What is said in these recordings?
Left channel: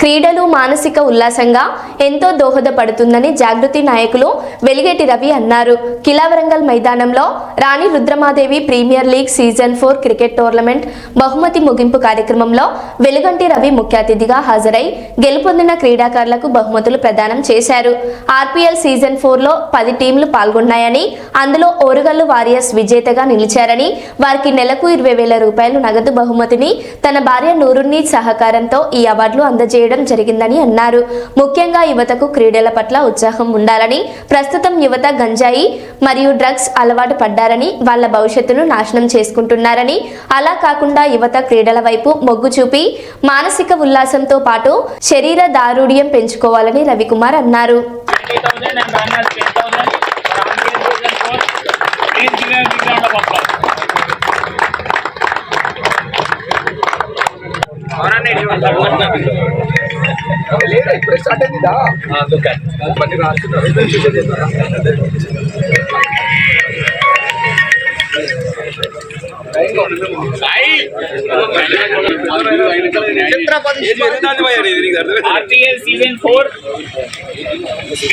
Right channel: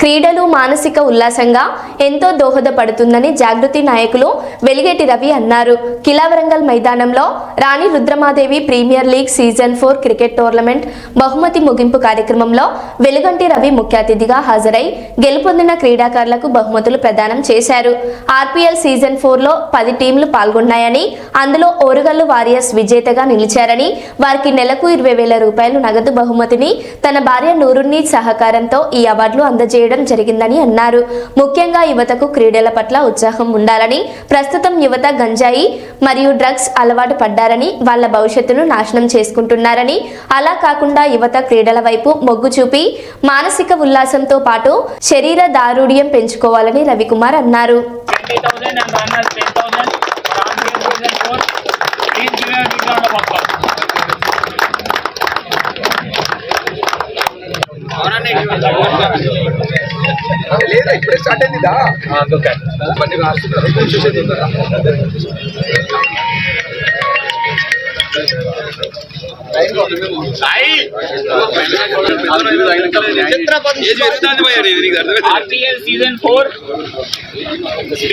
క్రీడలు మానసిక ఉల్లాసంగా ఎంతో దోహదపడుతుందని జాగృతి నాయకులు వెలిగేటి రవి అన్నారు. కిలావరంగల్ మైదానంలో Rani Rudramadevi premier league season four cricket tournament బహుమతి ముగింపు కార్యక్రమంలో వెలుగంటి రవి ముఖ్య అతిథిగా హాజరై గెలుపొందిన క్రీడాకారులకు బహుమతులు ప్రదానం చేశారు. ఆర్పీఎల్ సీజన్ ఫోర్లో పది టీంలు పాల్గొన్నాయని అందులో ఓరుగల్లు వారియర్స్ విజేతగా నిలిచారని వారికి నెలకు ఇరవై వేల రూపాయలు నగదు బహుమతిని తన భార్య నూరుని సహకారంతో ఈ అవార్డులు చేయడం జరిగిందని అన్నారు. ముఖ్యంగా యువతకు క్రీడల పట్ల ఉత్సాహం ఉండాలని ప్రస్తుతం యువత గంజాయి మరియు డ్రగ్స్ అలవాటు పడ్డారని వాళ్ళ భవిష్యత్తును నాశనం చేసుకుంటున్నారని. అలా కాకుండా యువత క్రీడల వైపు మొగ్గు చూపి మానసిక ఉల్లాసంతో పాటు శరీర దారుఢ్యం పెంచుకోవాలని రవికుమార్ అన్నారు. అవునండి. And runners 10,000 for RBL season 4. Please give a big round of applause. లేదా ఇప్పుడే స్టార్ట్ అయిందిదా బండి రాస్తున్నారు చూసేది ఉందా? RPL season 4 it's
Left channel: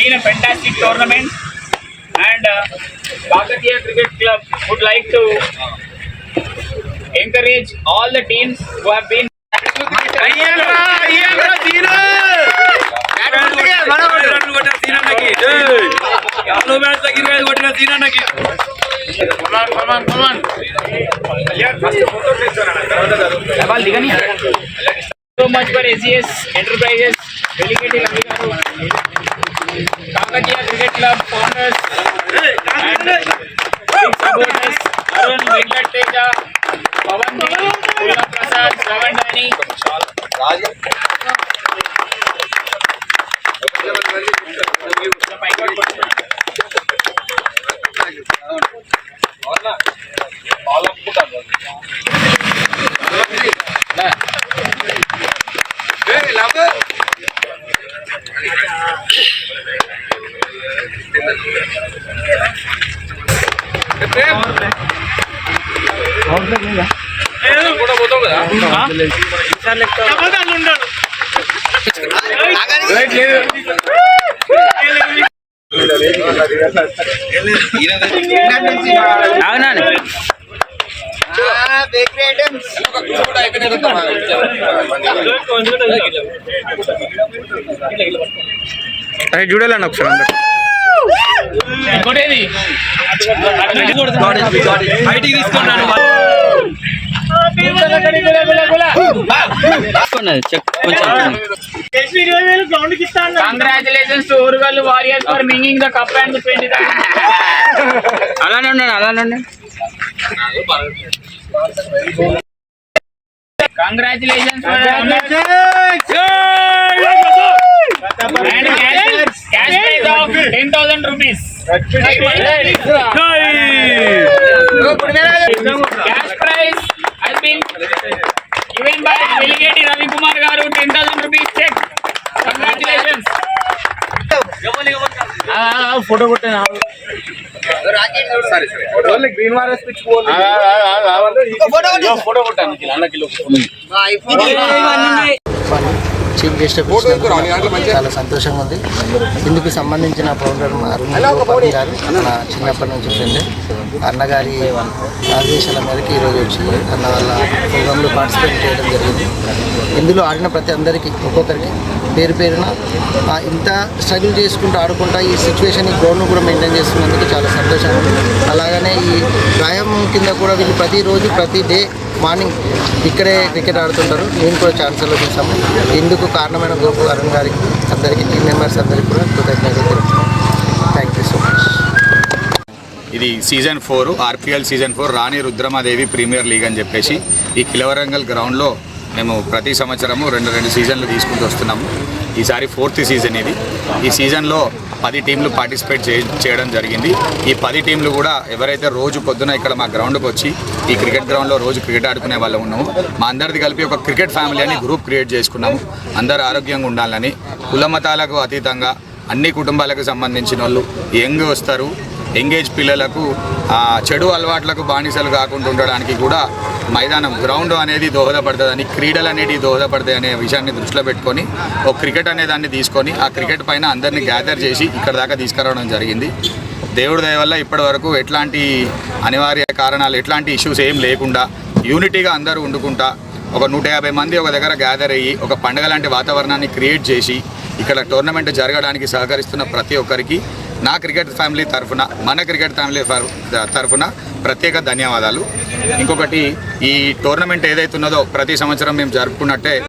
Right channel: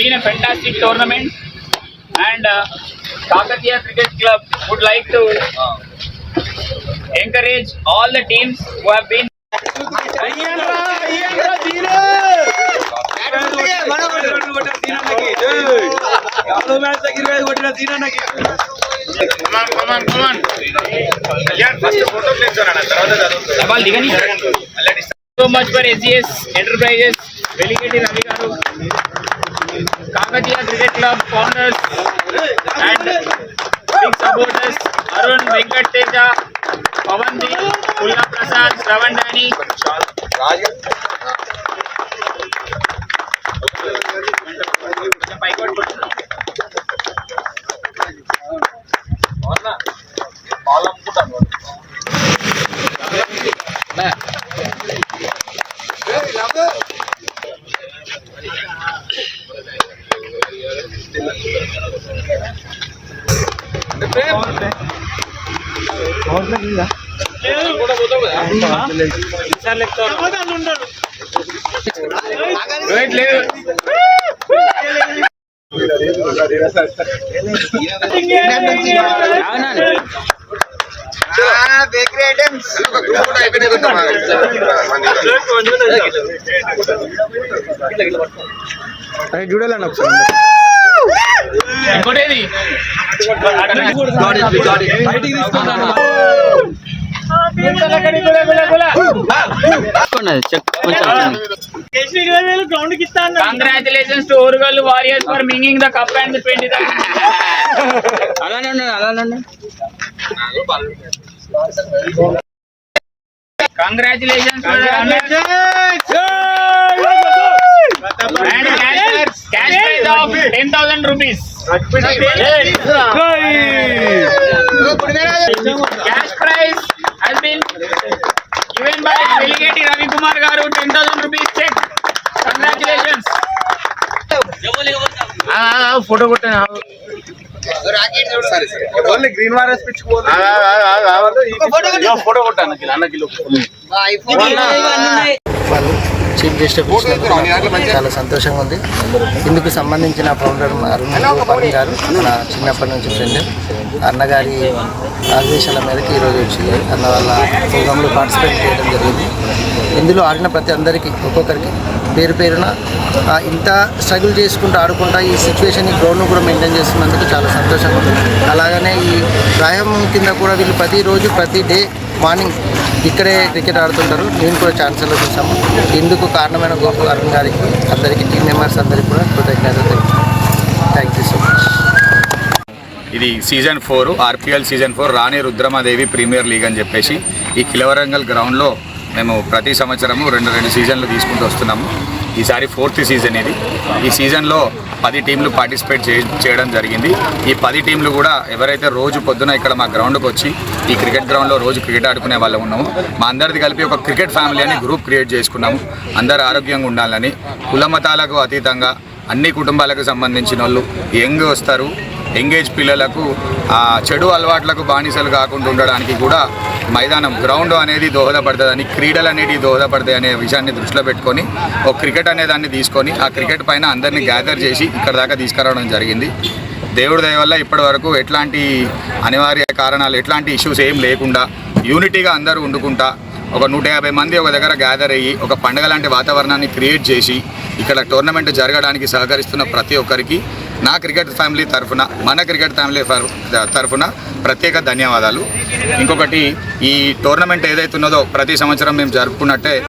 been a fantastic tournament and uh, Kakatiya Cricket Club would like to encourage all the teams who have been సవాల్ దిగని so much for SGS enterprises delegate Ravi గారు Kakatiya cricket club founders and big supporters Arun Venkat Teja Pavan the Pulla Prasad Shravan Rani Thank you. లేకపోతే కూడా అరే చూడాలండి ఒకసారి బయటికి తీసుకున్నాను congratulations to Orugallu warriors for winning the cup and twenty అలానే ఉండండి అలానే ఉండండి congratulations and cash prize of ten thousand rupees cash prize has been given by Delegate Ravi Kumar గారు ten thousand rupees cheque congratulations photo కొట్టాను సరే సరే. Only green warriors pitch photo కొట్టాను అన్న కిలో వాళ్ళు చీఫ్ గెస్ట్ చాలా సంతోషంగా ఉంది. ఇందుకు సంబంధించిన ఫౌండర్ అరుణ్ గోపాల్ గారు నా చిన్నప్పటి నుంచి ఫ్రెండ్ అన్నగారి ఆదేశాల మేరకు ఈరోజు వచ్చి అన్న వాళ్ళ ప్రోగ్రాంలో పార్టిసిపేట్ చేయడం జరిగింది. ఇందులో ఆడిన ప్రతి అందరికీ ఒక్కొక్కరికి పేరు పేరున ఇంత స్ట్రగుల్ చేసుకుంటూ ఆడుకుంటా ఈ సిచ్యువేషన్ ఈ గ్రౌండ్ను కూడా మెయింటైన్ చేస్తున్నందుకు చాలా సంతోషంగా ఉంది. అలాగనే ఈ వ్యాయామం కింద కూడా వీళ్ళు ప్రతిరోజు ప్రతి డే మార్నింగ్ ఇక్కడే క్రికెట్ ఆడుతుంటారు. నేను కూడా ఛాన్సర్లో చూసాము ఇందుకు కారణమైన గోపు అరుణ్ గారికి అందరికీ టీం మెంబర్స్ అందరికీ కూడా కృతజ్ఞతలు తెలుసు థ్యాంక్ యూ సో మచ్ ఇది season four RPL season four Rani Rudramadevi premier league అని చెప్పేసి ఈ కిలవరంగల్ గ్రౌండ్లో మేము ప్రతి సంవత్సరము రెండు రెండు సీజన్లు తీసుకుంటూ వస్తున్నాము. ఈసారి ఫోర్త్ సీజన్ ఇది. ఈ సీజన్లో పది టీంలు పార్టిసిపేట్ చేయడం జరిగింది. ఈ పది టీంలు కూడా ఎవరైతే రోజు పొద్దున ఇక్కడ మా గ్రౌండ్కి వచ్చి ఈ క్రికెట్ గ్రౌండ్లో రోజు క్రికెట్ ఆడుకునే వాళ్ళు ఉన్నాము మా అందరిది కలిపి ఒక క్రికెట్ ఫ్యామిలీ అని గ్రూప్ క్రియేట్ చేసుకున్నాము. అందరు ఆరోగ్యంగా ఉండాలని కుల మతాలకు అతీతంగా అన్ని కుటుంబాలకు సంబంధించిన వాళ్ళు యంగ్ వస్తారు. ఎంగేజ్ పిల్లలకు చెడు అలవాట్లకు బానిసలు కాకుండా ఉండడానికి కూడా మైదానం గ్రౌండ్ అనేది దోహదపడుతుందని క్రీడలు అనేవి దోహదపడతాయి అనే విషయాన్ని దృష్టిలో పెట్టుకొని ఒక క్రికెట్ అనే దాన్ని తీసుకొని ఆ క్రికెట్ పైన అందరినీ గ్యాదర్ చేసి ఇక్కడ దాకా తీసుకురావడం జరిగింది. దేవుడి దయ వల్ల ఇప్పటి వరకు ఎట్లాంటి అనివార్య కారణాలు ఎట్లాంటి ఇష్యూస్ ఏం లేకుండా యూనిటీగా అందరూ వండుకుంటా ఒక నూట యాభై మంది ఒక దగ్గర గ్యాదర్ అయ్యి ఒక పండగ లాంటి వాతావరణాన్ని క్రియేట్ చేసి ఇక్కడ టోర్నమెంట్ జరగడానికి సహకరిస్తున్న ప్రతి ఒక్కరికి నా క్రికెట్ ఫ్యామిలీ తరఫున మన క్రికెట్ ఫ్యామిలీ తరఫున ప్రత్యేక ధన్యవాదాలు. ఇంకొకటి ఈ టోర్నమెంట్ ఏదైతే ఉన్నదో ప్రతి సంవత్సరం మేము జరుపుకున్నట్టే